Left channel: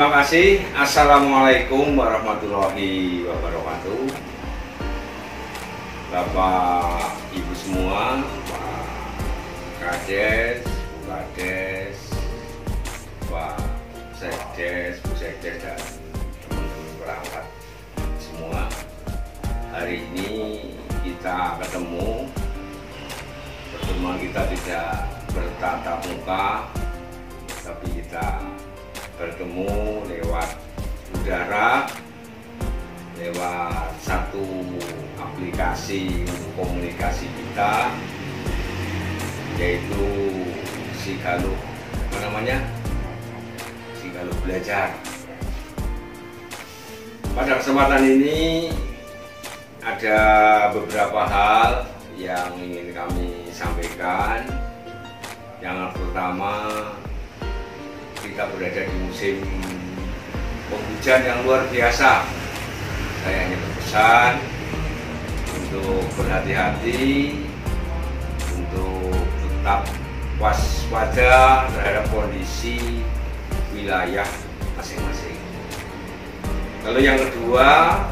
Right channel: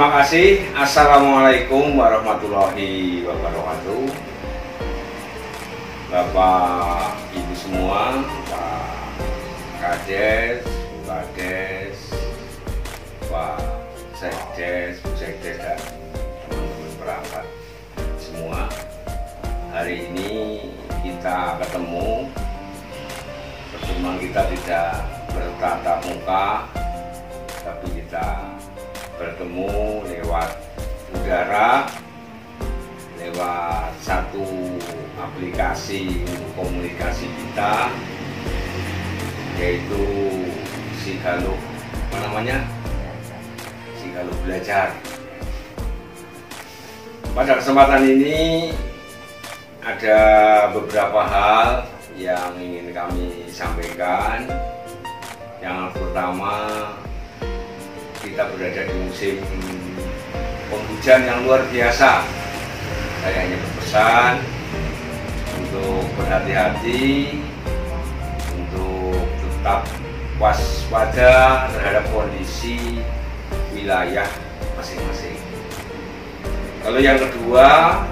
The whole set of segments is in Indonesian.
Terima kasih. Assalamualaikum warahmatullahi wabarakatuh. Bapak Ibu semua, Pak Kades, Bu Kades, Pak Sekdes, Bu Sekdes, dan teman-teman perangkat semua. Hari ini kita ketemu. Pertemuan kita tidak bertatap muka, tapi kita bertemu lewat udara, lewat satu aplikasi untuk komunikasi kita, yaitu Sigaluk, Sigaluk Belajar. Pada kesempatan ini ada beberapa hal yang ingin kami sampaikan. Yang pertama, kita berada di musim penghujan yang luar biasa. Saya hanya berpesan untuk berhati-hati, untuk tetap waspada terhadap kondisi wilayah masing-masing. Lalu yang kedua,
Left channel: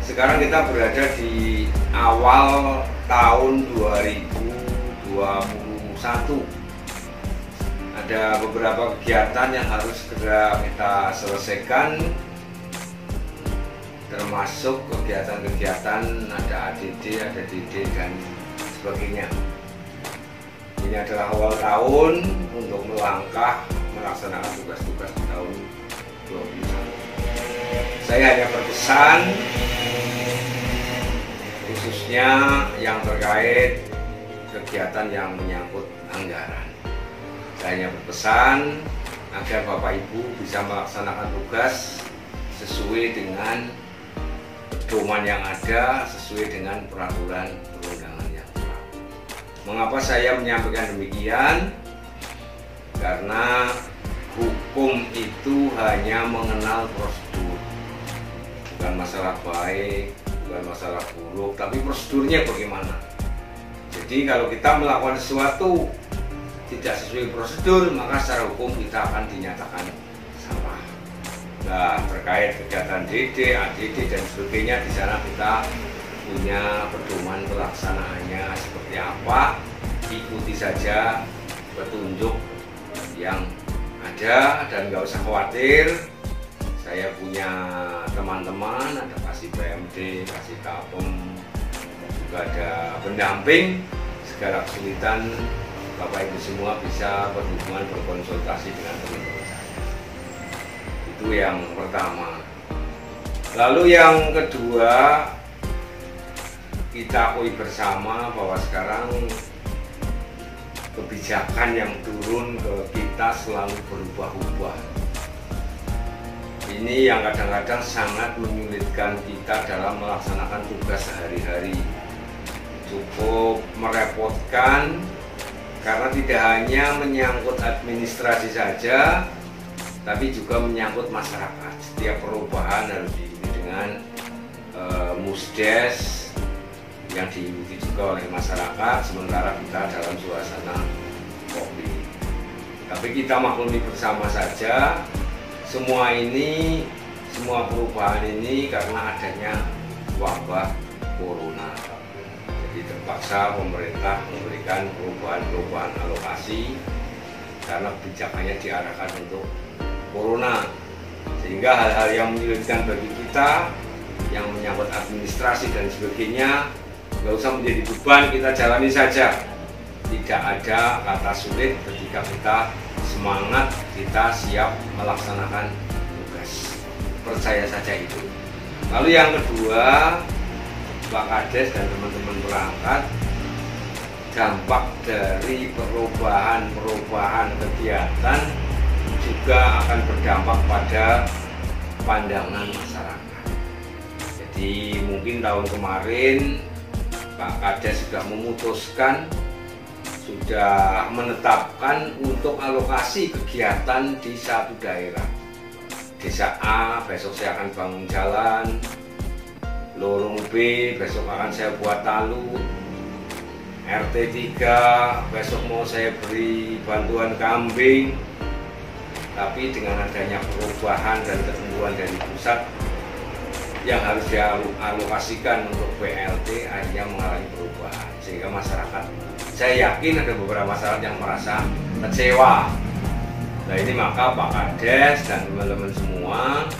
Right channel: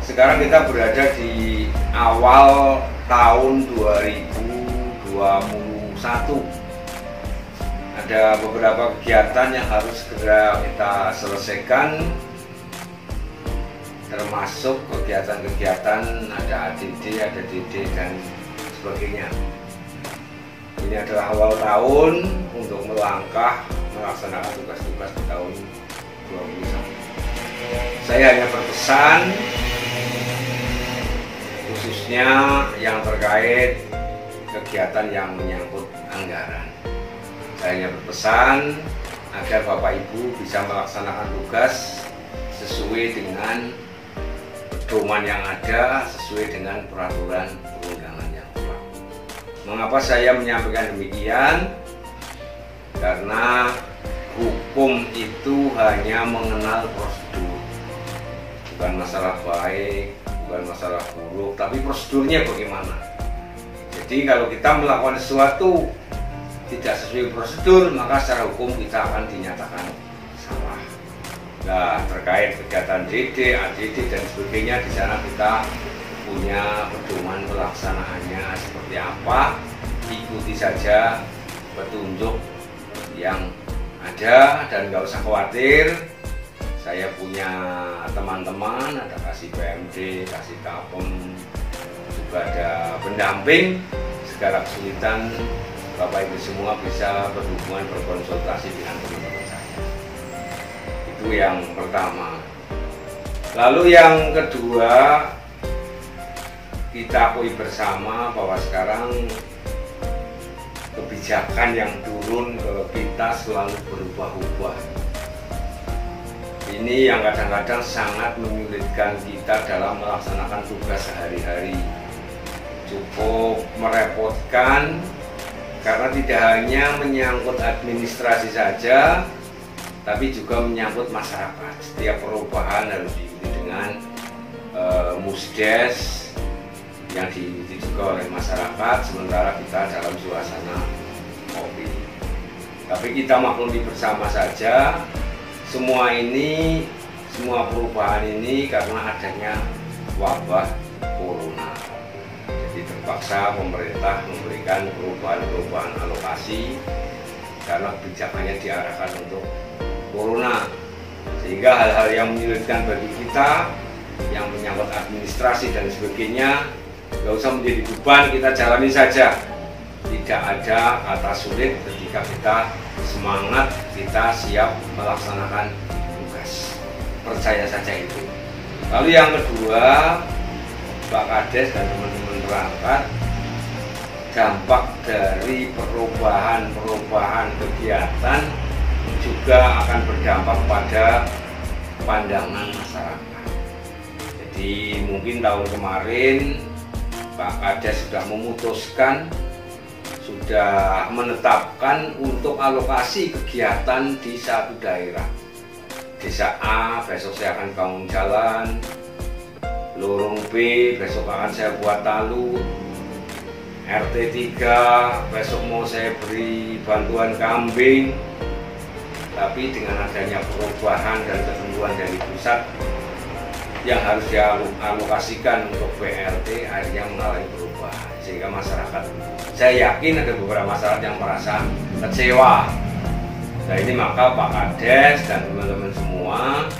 sekarang kita berada di awal tahun 2021. Ada beberapa kegiatan yang harus segera kita selesaikan, termasuk kegiatan-kegiatan ada ADD, ada DD, dan sebagainya. Ini adalah awal tahun untuk melangkah melaksanakan tugas-tugas di tahun 2021. Saya hanya berpesan, khususnya yang terkait kegiatan yang menyangkut anggaran. Saya hanya berpesan agar Bapak Ibu bisa melaksanakan tugas sesuai dengan pedoman yang ada, sesuai dengan peraturan perundangan yang berlaku. Mengapa saya menyampaikan demikian? Karena hukum itu hanya mengenal prosedur, bukan masalah baik, bukan masalah buruk, tapi prosedurnya bagaimana. Jadi kalau kita melakukan sesuatu tidak sesuai prosedur, maka secara hukum kita akan dinyatakan salah. Nah, terkait kegiatan DD, ADD, dan sebagainya, di sana kita punya pedoman pelaksanaannya seperti apa. Ikuti saja petunjuk yang ada dan nggak usah khawatir. Saya punya teman-teman, ada kasih PMD, kasih Tapem, juga ada pendamping. Segala kesulitan, Bapak Ibu semua bisa berhubungan, berkonsultasi dengan teman-teman saya. Itu yang pertama. Lalu yang kedua, kita akui bersama bahwa sekarang kebijakan yang turun ke kita selalu berubah-ubah. Ini yang kadang-kadang sangat menyulitkan kita dalam melaksanakan tugas sehari-hari. Cukup merepotkan, karena tidak hanya menyangkut administrasi saja, tapi juga menyangkut masyarakat. Setiap perubahan harus diikuti dengan musdes yang diikuti juga oleh masyarakat, sementara kita dalam suasana COVID. Tapi kita maklumi bersama saja, semua perubahan ini karena adanya wabah corona. Jadi terpaksa pemerintah memberikan perubahan alokasi karena kebijakannya diarahkan untuk corona, sehingga hal-hal yang menyulitkan bagi kita yang menyangkut administrasi dan sebagainya nggak usah menjadi beban, kita jalani saja. Tidak ada kata sulit ketika kita semangat, kita siap melaksanakan tugas. Percaya saja itu. Lalu yang kedua, Pak Kades dan teman-teman perangkat, dampak dari perubahan kegiatan juga akan berdampak pada pandangan masyarakat. Jadi mungkin tahun kemarin Pak Kades sudah memutuskan, sudah menetapkan untuk alokasi kegiatan di satu daerah. Desa A besok saya akan bangun jalan, lorong B besok akan saya buat talud, RT 3 besok mau saya beri bantuan kambing, tapi dengan adanya perubahan dan ketentuan dari pusat yang harus dialokasikan untuk BLT akhirnya mengalami perubahan, sehingga masyarakat, saya yakin ada beberapa masyarakat yang merasa kecewa. Nah ini maka Pak Kades dan teman-teman semua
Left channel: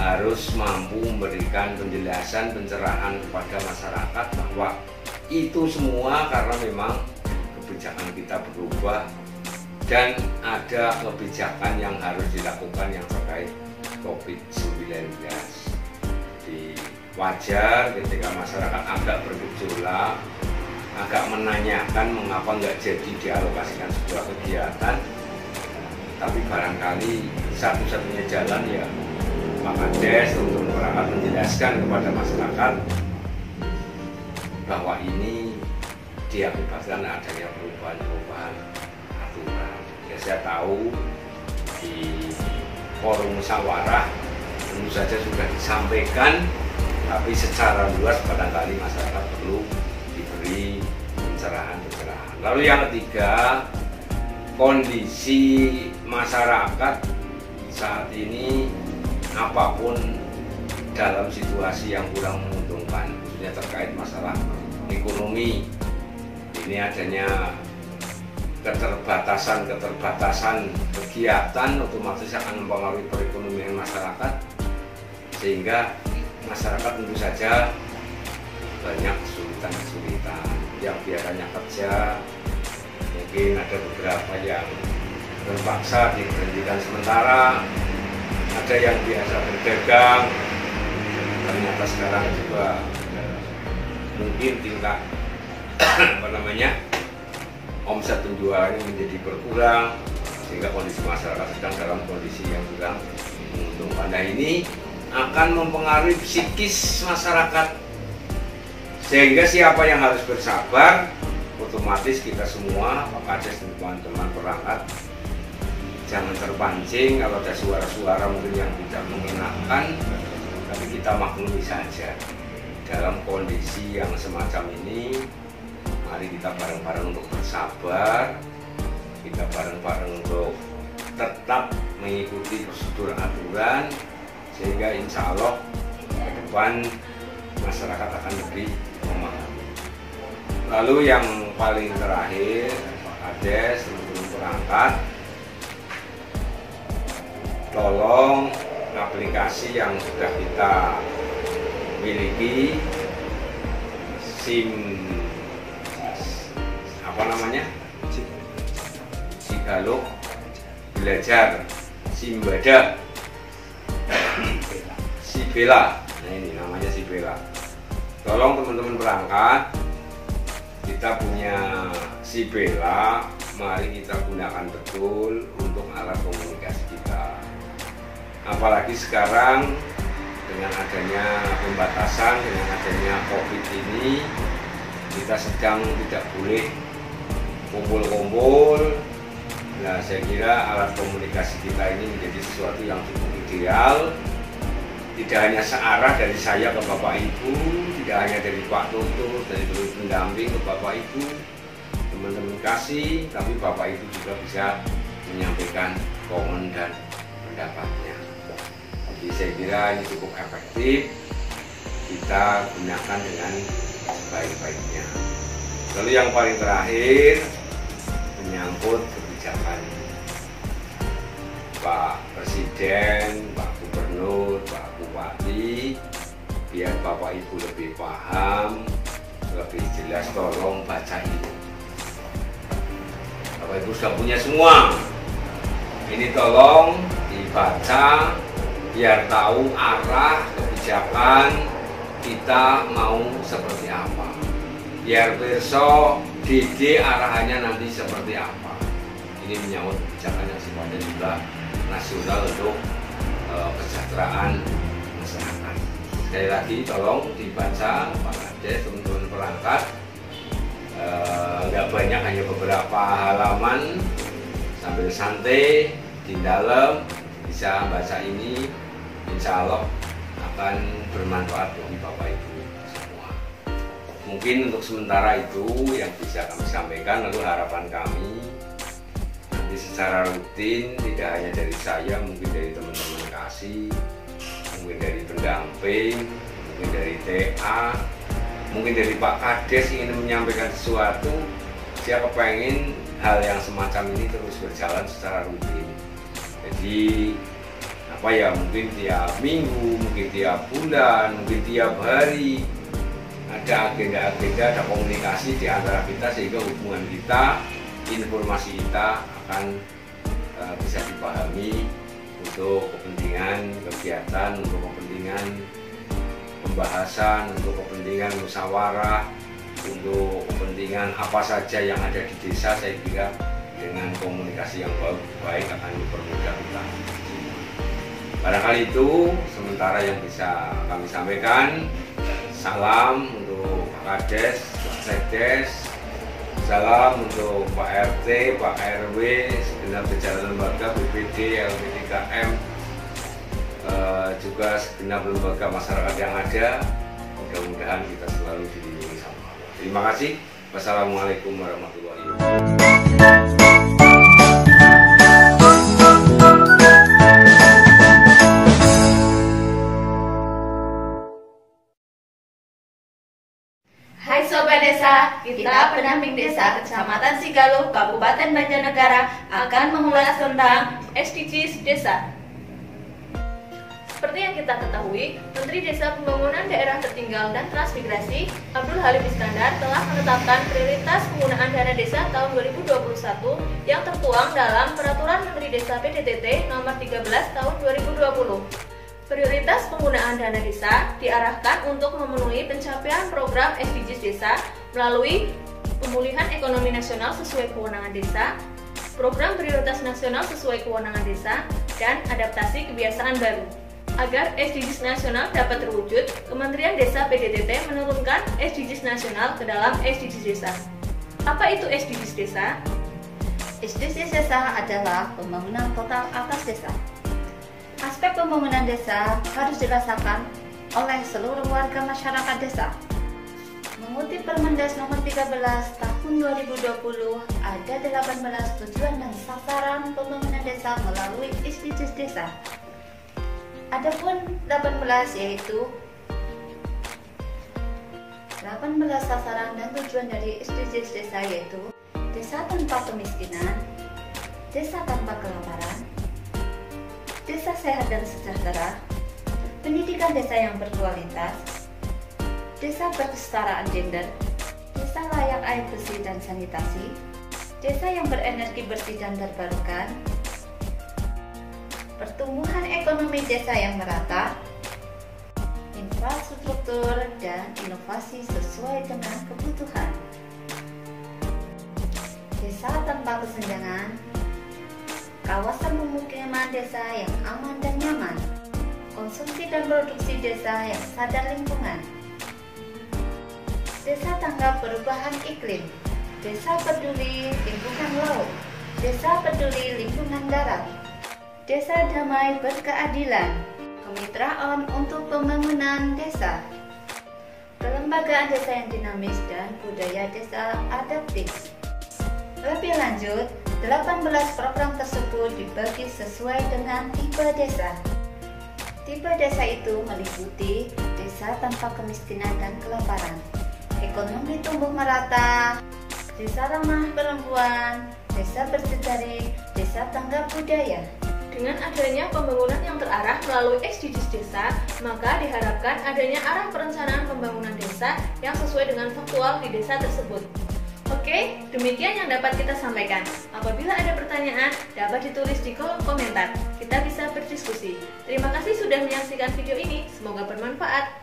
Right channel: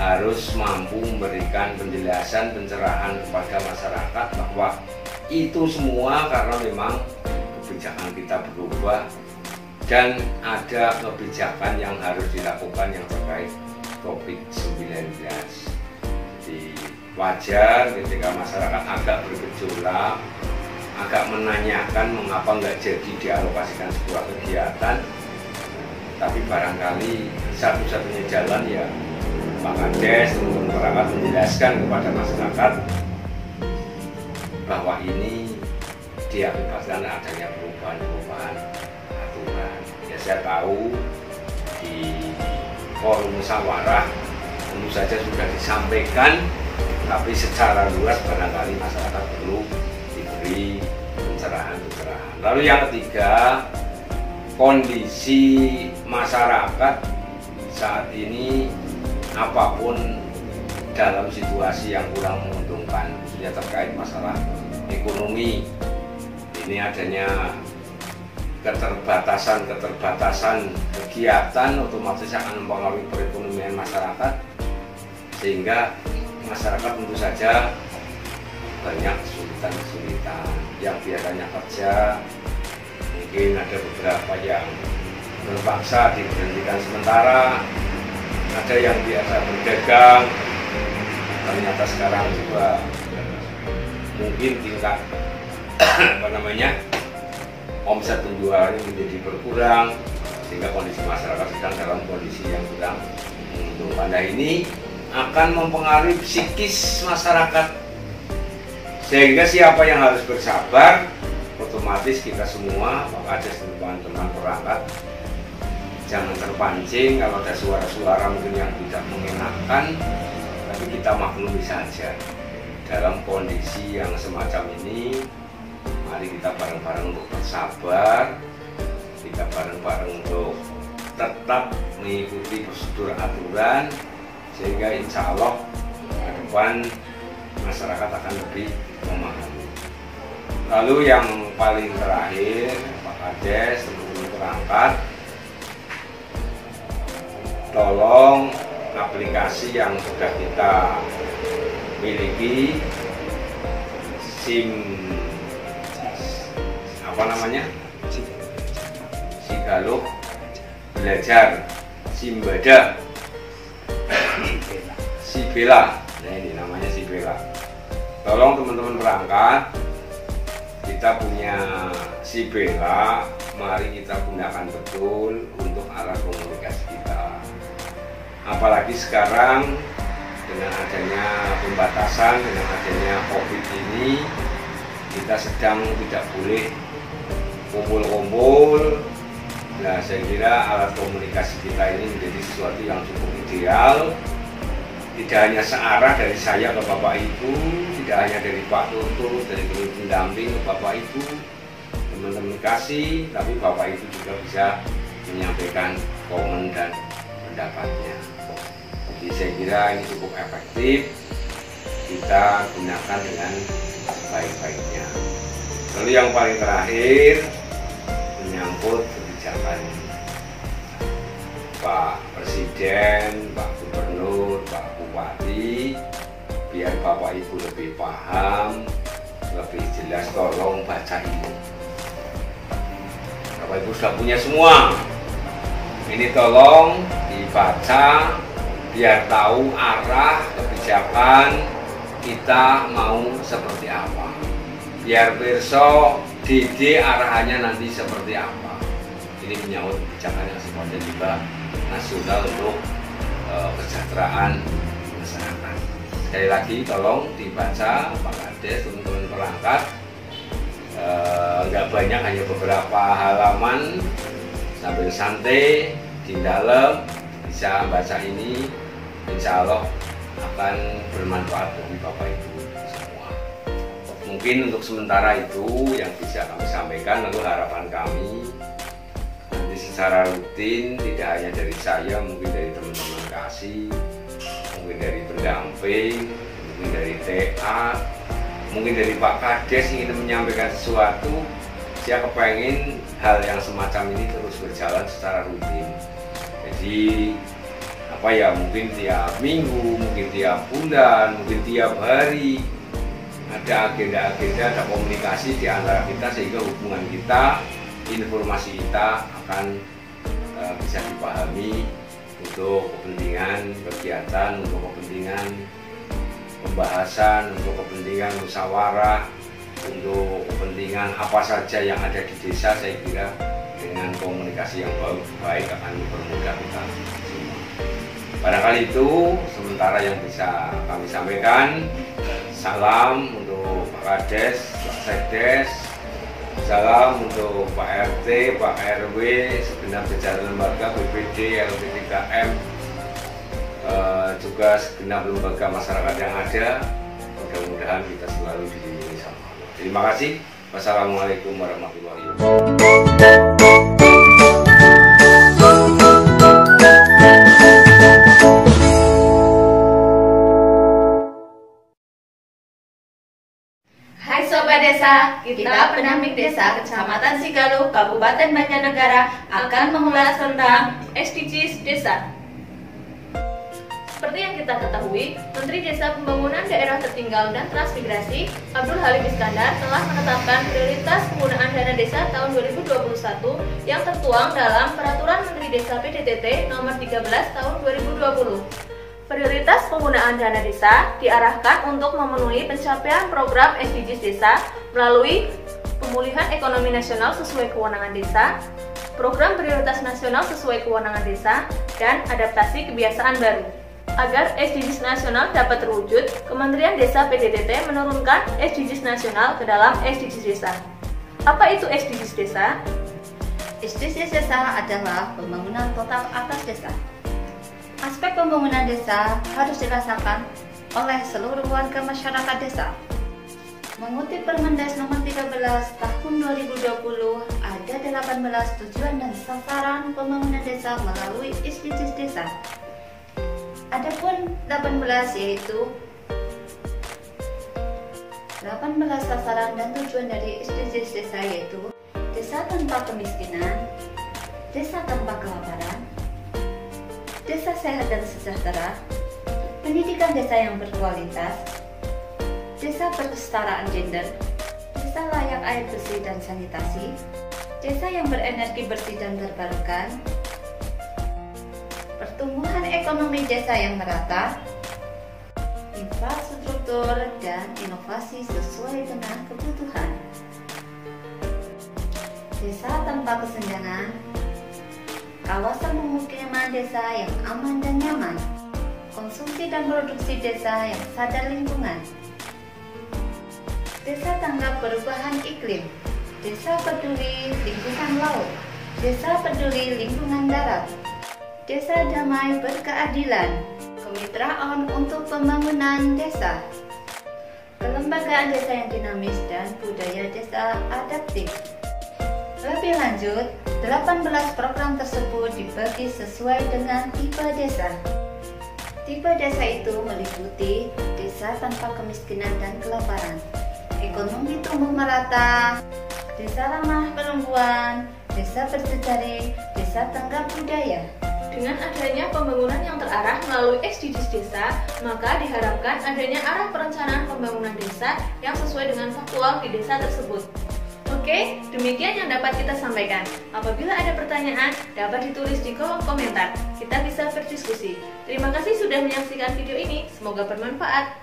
harus mampu memberikan penjelasan, pencerahan kepada masyarakat bahwa itu semua karena memang kebijakan kita berubah dan ada kebijakan yang harus dilakukan yang terkait COVID-19. Jadi wajar ketika masyarakat agak bergejolak, agak menanyakan mengapa nggak jadi dialokasikan sebuah kegiatan, tapi barangkali satu-satunya jalan ya Pak Kades untuk perangkat menjelaskan kepada masyarakat bahwa ini diakibatkan adanya perubahan aturan. Ya saya tahu di forum musyawarah tentu saja sudah disampaikan, tapi secara luas barangkali masyarakat perlu diberi pencerahan. Lalu yang ketiga, kondisi masyarakat saat ini apapun dalam situasi yang kurang menguntungkan, khususnya terkait masalah ekonomi. Ini adanya keterbatasan kegiatan otomatis akan mempengaruhi perekonomian masyarakat, sehingga masyarakat tentu saja banyak kesulitan yang biasanya kerja. Mungkin ada beberapa yang terpaksa diberhentikan sementara, ada yang biasa berdagang, ternyata sekarang juga mungkin tingkat omset penjualannya menjadi berkurang, sehingga kondisi masyarakat sedang dalam kondisi yang kurang menguntungkan. Nah ini akan mempengaruhi psikis masyarakat, sehingga siapa yang harus bersabar, otomatis kita semua, Pak Kades dan teman-teman perangkat, jangan terpancing kalau ada suara-suara mungkin yang tidak mengenakan, tapi kita maklumi saja. Dalam kondisi yang semacam ini, mari kita bareng-bareng untuk bersabar, kita bareng-bareng untuk tetap mengikuti prosedur aturan, sehingga insya Allah ke depan masyarakat akan lebih memahami. Lalu yang paling terakhir, Pak Kades, teman-teman perangkat, tolong aplikasi yang sudah kita miliki, Sigaluk Belajar, Simbada, Sibela. Nah ini namanya Sibela. Tolong teman-teman perangkat, kita punya Sibela, mari kita gunakan betul untuk alat komunikasi kita. Apalagi sekarang dengan adanya pembatasan, dengan adanya COVID ini, kita sedang tidak boleh kumpul-kumpul. Nah, saya kira alat komunikasi kita ini menjadi sesuatu yang cukup ideal. Tidak hanya searah dari saya ke Bapak Ibu, tidak hanya dari Pak Toto, dari teman pendamping ke Bapak Ibu, teman-teman kasih, tapi Bapak Ibu juga bisa menyampaikan komen dan pendapatnya. Jadi saya kira ini cukup efektif, kita gunakan dengan sebaik-baiknya. Lalu yang paling terakhir menyangkut kebijakan Pak Presiden, Pak Gubernur, Pak Bupati, biar Bapak Ibu lebih paham, lebih jelas, tolong baca ini. Bapak Ibu sudah punya semua, ini tolong dibaca biar tahu arah kebijakan kita mau seperti apa, biar besok DD arahannya nanti seperti apa. Ini menyangkut kebijakan yang sifatnya juga nasional untuk kesejahteraan masyarakat. Sekali lagi tolong dibaca Pak Kades, teman-teman perangkat, nggak banyak, hanya beberapa halaman, sambil santai di dalam bisa baca ini, insya Allah akan bermanfaat bagi Bapak Ibu semua. Mungkin untuk sementara itu yang bisa kami sampaikan. Lalu harapan kami nanti secara rutin, tidak hanya dari saya, mungkin dari teman-teman kasih, mungkin dari pendamping, mungkin dari TA, mungkin dari Pak Kades ingin menyampaikan sesuatu. Saya kepengen hal yang semacam ini terus berjalan secara rutin. Jadi mungkin tiap minggu, mungkin tiap bulan, mungkin tiap hari ada agenda-agenda, ada komunikasi di antara kita, sehingga hubungan kita, informasi kita akan bisa dipahami untuk kepentingan kegiatan, untuk kepentingan pembahasan, untuk kepentingan musyawarah, untuk kepentingan apa saja yang ada di desa. Saya kira dengan komunikasi yang baik akan mempermudah kita. Barangkali itu sementara yang bisa kami sampaikan. Salam untuk Pak Kades, Pak Sekdes, salam untuk Pak RT, Pak RW, segenap jajaran lembaga BPD, LP3M, juga segenap lembaga masyarakat yang ada. Mudah-mudahan kita selalu dilindungi sama Allah. Terima kasih. Wassalamualaikum warahmatullahi wabarakatuh. Hai Sobat Desa, kita pendamping desa Kecamatan Sigaluh, Kabupaten Banjarnegara akan mengulas tentang SDGs Desa. Seperti yang kita ketahui, Menteri Desa Pembangunan Daerah Tertinggal dan Transmigrasi, Abdul Halim Iskandar, telah menetapkan prioritas penggunaan dana desa tahun 2021 yang tertuang dalam Peraturan Menteri Desa PDTT Nomor 13 Tahun 2020. Prioritas penggunaan dana desa diarahkan untuk memenuhi pencapaian program SDGs Desa melalui pemulihan ekonomi nasional sesuai kewenangan desa, program prioritas nasional sesuai kewenangan desa, dan adaptasi kebiasaan baru. Agar SDGs nasional dapat terwujud, Kementerian Desa PDTT menurunkan SDGs nasional ke dalam SDGs Desa. Apa itu SDGs Desa? SDGs Desa adalah pembangunan total atas desa. Aspek pembangunan desa harus dirasakan oleh seluruh warga masyarakat desa. Mengutip Permendas Nomor 13 Tahun 2020, ada 18 tujuan dan sasaran pembangunan desa melalui SDGs Desa. Adapun 18 yaitu 18 sasaran dan tujuan dari SDGs Desa yaitu desa tanpa kemiskinan, desa tanpa kelaparan, desa sehat dan sejahtera, pendidikan desa yang berkualitas, desa berkesetaraan gender, desa layak air bersih dan sanitasi, desa yang berenergi bersih dan terbarukan, pertumbuhan ekonomi desa yang merata, infrastruktur dan inovasi sesuai dengan kebutuhan, desa tanpa kesenjangan, kawasan pemukiman desa yang aman dan nyaman, konsumsi dan produksi desa yang sadar lingkungan, desa tanggap perubahan iklim, desa peduli lingkungan laut, desa peduli lingkungan darat, desa damai berkeadilan, kemitraan untuk pembangunan desa, kelembagaan desa yang dinamis dan budaya desa adaptif. Lebih lanjut, 18 program tersebut dibagi sesuai dengan tipe desa. Tipe desa itu meliputi desa tanpa kemiskinan dan kelaparan, ekonomi tumbuh merata, desa ramah perempuan, desa berjejaring, desa tanggap budaya. Dengan adanya pembangunan yang terarah melalui SDGs Desa, maka diharapkan adanya arah perencanaan pembangunan desa yang sesuai dengan faktual di desa tersebut. Oke, demikian yang dapat kita sampaikan. Apabila ada pertanyaan, dapat ditulis di kolom komentar. Kita bisa berdiskusi. Terima kasih sudah menyaksikan video ini. Semoga bermanfaat.